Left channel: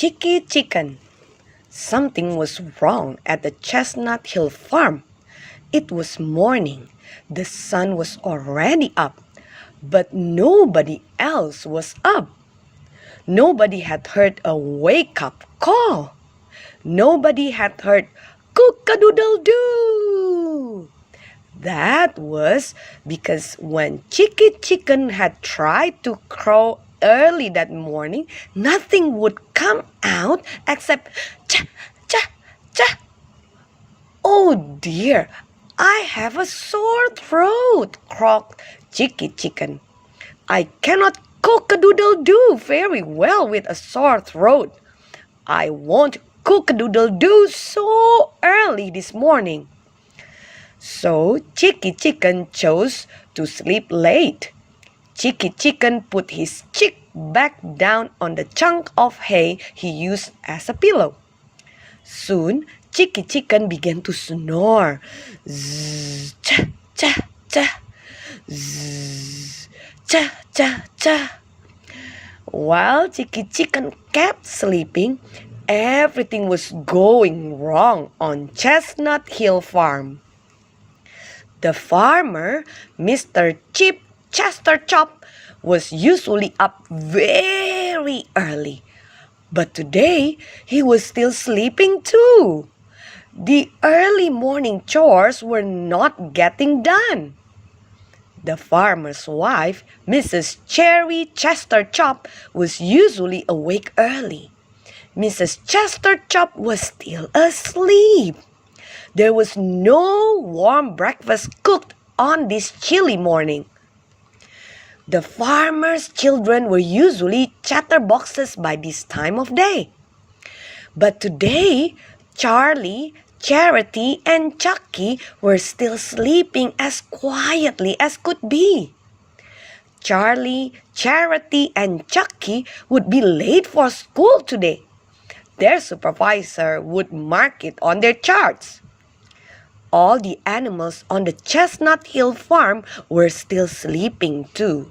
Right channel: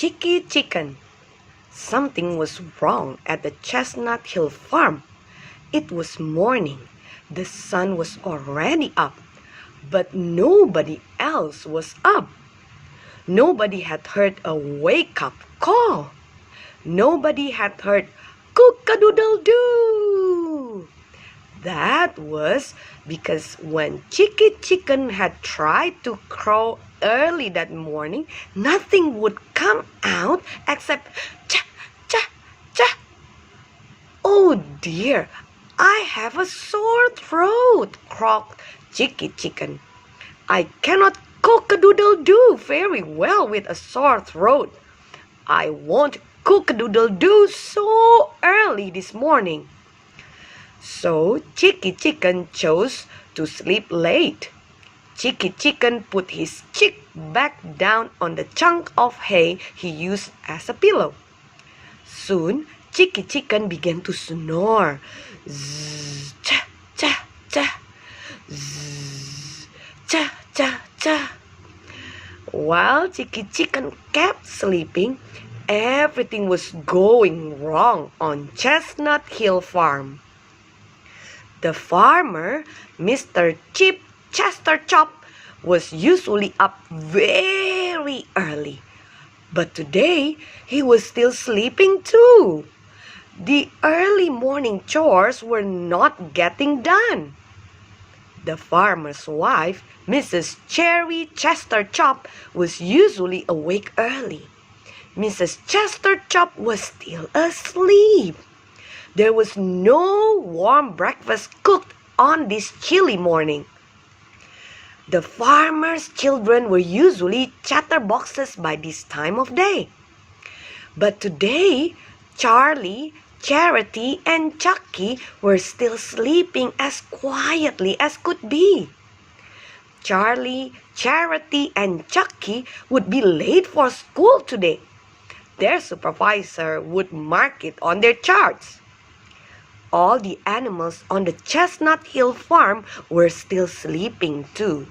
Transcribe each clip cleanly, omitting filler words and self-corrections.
Chicky Chicken. Something was wrong at the Chestnut Hill farm. It was morning. The sun was already up, but nobody else was up. Nobody had heard a wake-up call. Nobody had heard cook-a-doodle-doo. That was because when Chicky Chicken had tried to crow early that morning, nothing would come out except cha, cha, cha. Oh dear, I have a sore throat, croaked Chicky Chicken. I cannot cook-a-doodle-doo very well with a sore throat. I won't cook-a-doodle-doo so early this morning. So Chicky Chicken chose to sleep late. Chicky Chicken put his cheek back down on the chunk of hay he used as a pillow. Soon, Chicky Chicken began to snore. Zzz, cha, cha, cha. Zzz, cha, cha, cha. While Chicky Chicken kept sleeping, everything was going wrong on Chestnut Hill Farm. The farmer, Mr. Chip Chester Chop, was usually up very early. But today, he was still sleeping too. The early morning chores were not getting done. The farmer's wife, Mrs. Cherry Chester Chop, was usually awake early. Mrs. Chester Chop was still asleep. There was no warm breakfast cooked on this chilly morning. The farmer's children were usually chatterboxes by this time of day. But today, Charlie, Charity, and Chucky were still sleeping as quietly as could be. Charlie, Charity, and Chucky would be late for school today. Their supervisor would mark it on their charts. All the animals on the Chestnut Hill farm were still sleeping too.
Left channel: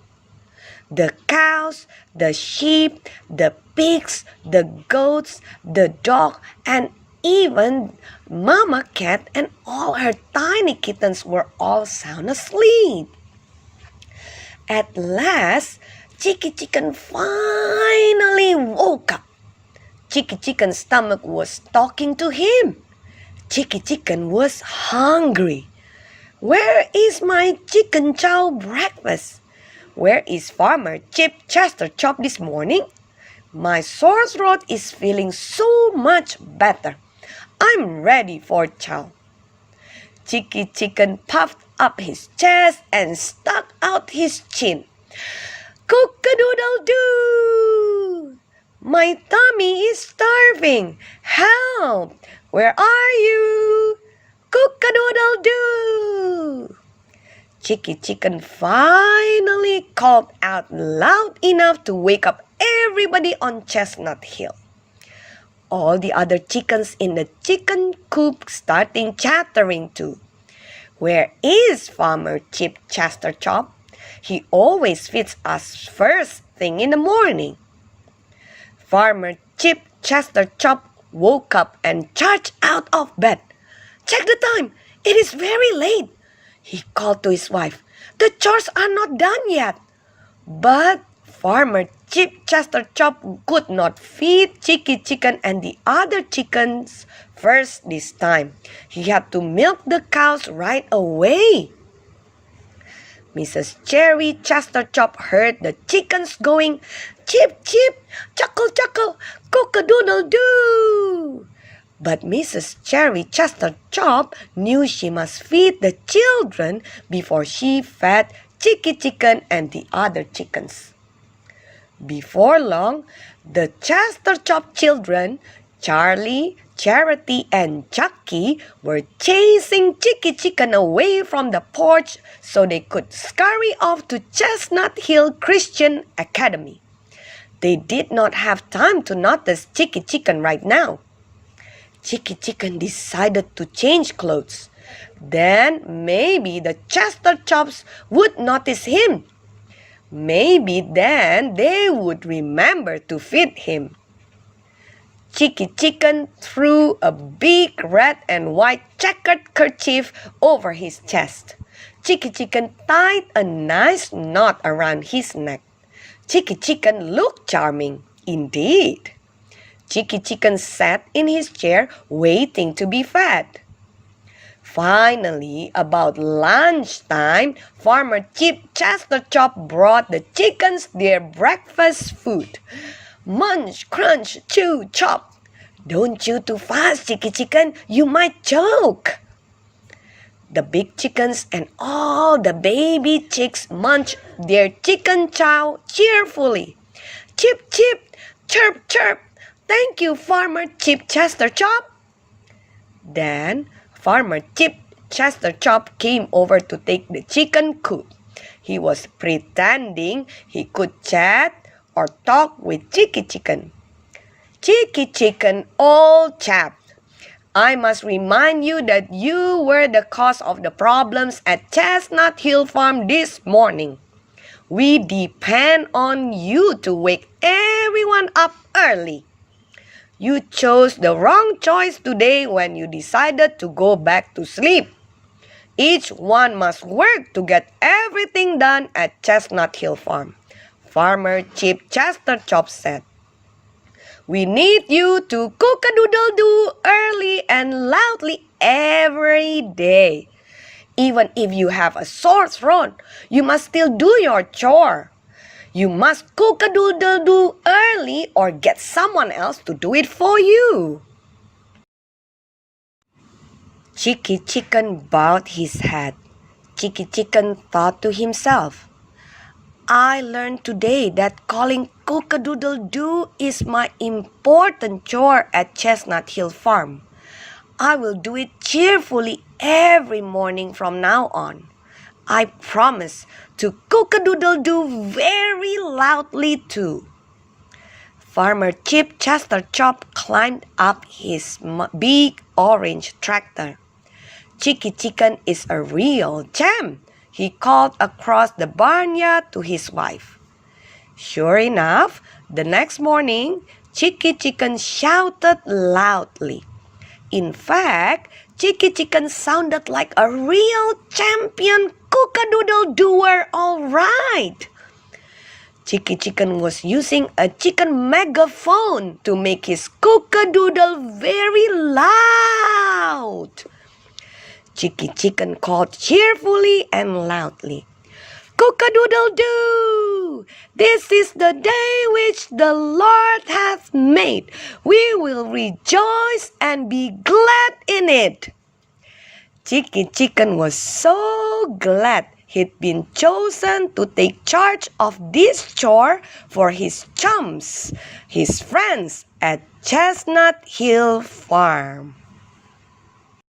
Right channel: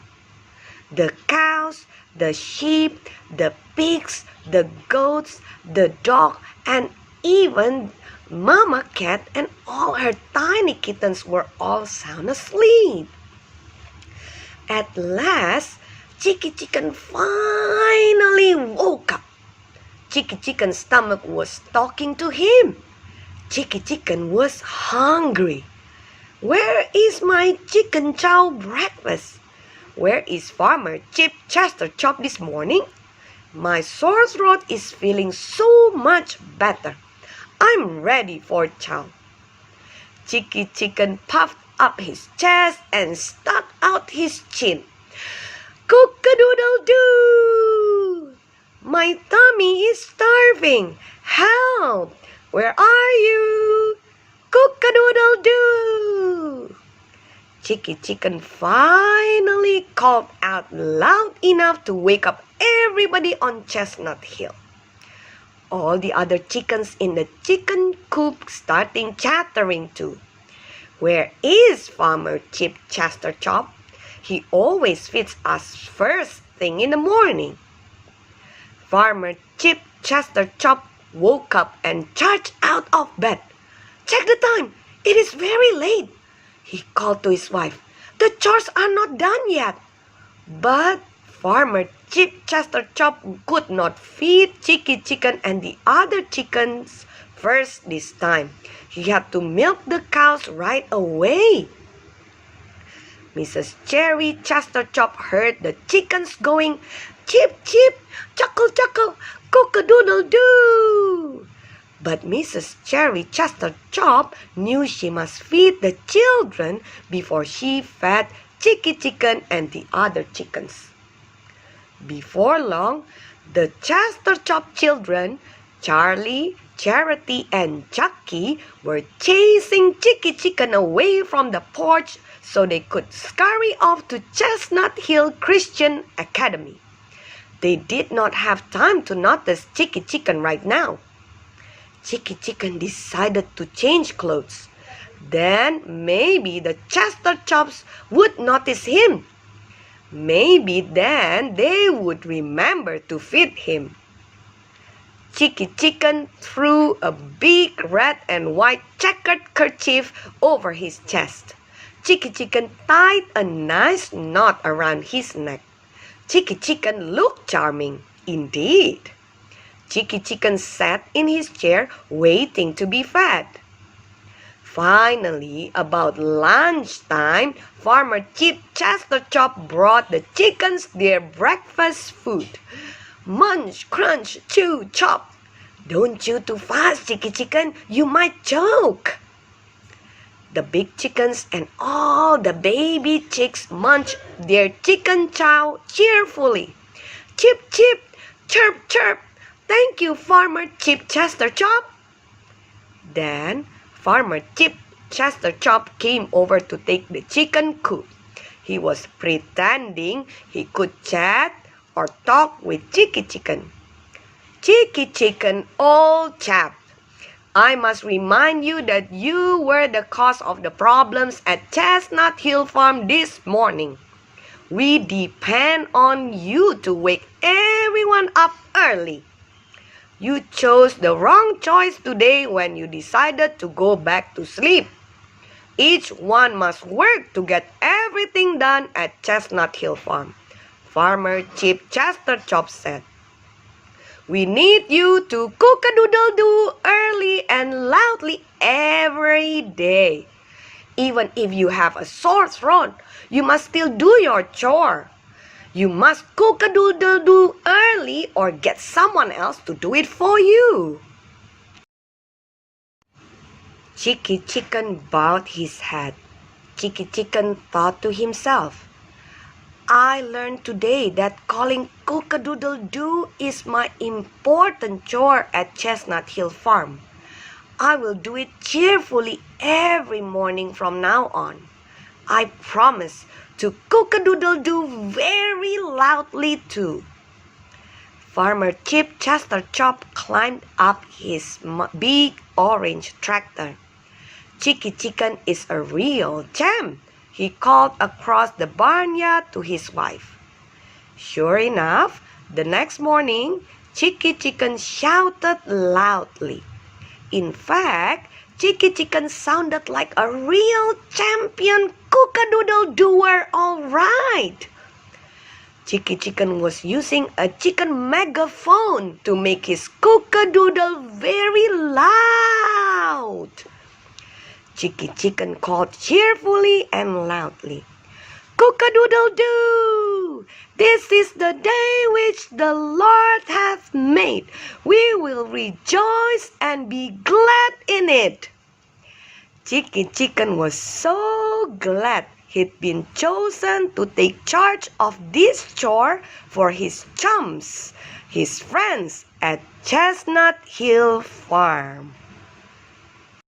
The cows, the sheep, the pigs, the goats, the dog, and even Mama Cat and all her tiny kittens were all sound asleep. At last, Chicky Chicken finally woke up. Chicky Chicken's stomach was talking to him. Chicky Chicken was hungry. Where is my chicken chow breakfast? Where is Farmer Chip Chester Chop this morning? My sore throat is feeling so much better. I'm ready for chow. Chicky Chicken puffed up his chest and stuck out his chin. Cook-a-doodle-doo! My tummy is starving. Help! Where are you? Cook-a-doodle-doo! Chicky Chicken finally called out loud enough to wake up everybody on Chestnut Hill. All the other chickens in the chicken coop started chattering too. Where is Farmer Chip Chester Chop? He always feeds us first thing in the morning. Farmer Chip Chester Chop woke up and charged out of bed. Check the time. It is very late. He called to his wife. The chores are not done yet. But Farmer Chip Chester Chop could not feed Chicky Chicken and the other chickens first this time. He had to milk the cows right away. Mrs. Cherry Chester Chop heard the chickens going, chip, chip, chuckle, chuckle, cook-a-doodle-doo. But Mrs. Cherry Chester Chop knew she must feed the children before she fed Chicky Chicken and the other chickens. Before long, the Chester Chop children, Charlie, Charity, and Chucky, were chasing Chicky Chicken away from the porch so they could scurry off to Chestnut Hill Christian Academy. They did not have time to notice Chicky Chicken right now. Chicky Chicken decided to change clothes. Then maybe the Chester Chops would notice him. Maybe then they would remember to feed him. Chicky Chicken threw a big red and white checkered kerchief over his chest. Chicky Chicken tied a nice knot around his neck. Chicky Chicken looked charming, indeed. Chicky Chicken sat in his chair waiting to be fed. Finally, about lunchtime, Farmer Chester Chop brought the chickens their breakfast food. Munch, crunch, chew, chop. Don't chew too fast, Chicky Chicken, you might choke. The big chickens and all the baby chicks munched their chicken chow cheerfully. Chip, chip, chirp, chirp. Thank you, Farmer Chester Chop. Then Farmer Chester Chop came over to take the chicken coop. He was pretending he could chat or talk with Chicky Chicken. Chicky Chicken, old chap, I must remind you that you were the cause of the problems at Chestnut Hill Farm this morning. We depend on you to wake everyone up early. You chose the wrong choice today when you decided to go back to sleep. Each one must work to get everything done at Chestnut Hill Farm. Farmer Chester Chop said, we need you to cook-a-doodle-doo early and loudly every day. Even if you have a sore throat, you must still do your chore. You must cook-a-doodle-doo early or get someone else to do it for you. Chicky Chicken bowed his head. Chicky Chicken thought to himself, I learned today that calling cook-a-doodle-doo is my important chore at Chestnut Hill Farm. I will do it cheerfully every morning from now on. I promise to cook-a-doodle-doo very loudly too. Farmer Chester Chop climbed up his big orange tractor. Chicky Chicken is a real gem, he called across the barnyard to his wife. Sure enough, the next morning, Chicky Chicken shouted loudly. In fact, Chicky Chicken sounded like a real champion cook-a-doodle-doer, all right. Chicky Chicken was using a chicken megaphone to make his cook-a-doodle very loud. Chicky Chicken called cheerfully and loudly, cook-a-doodle-doo! This is the day which the Lord hath made. We will rejoice and be glad in it. Chicky Chicken was so glad he'd been chosen to take charge of this chore for his chums, his friends at Chestnut Hill Farm.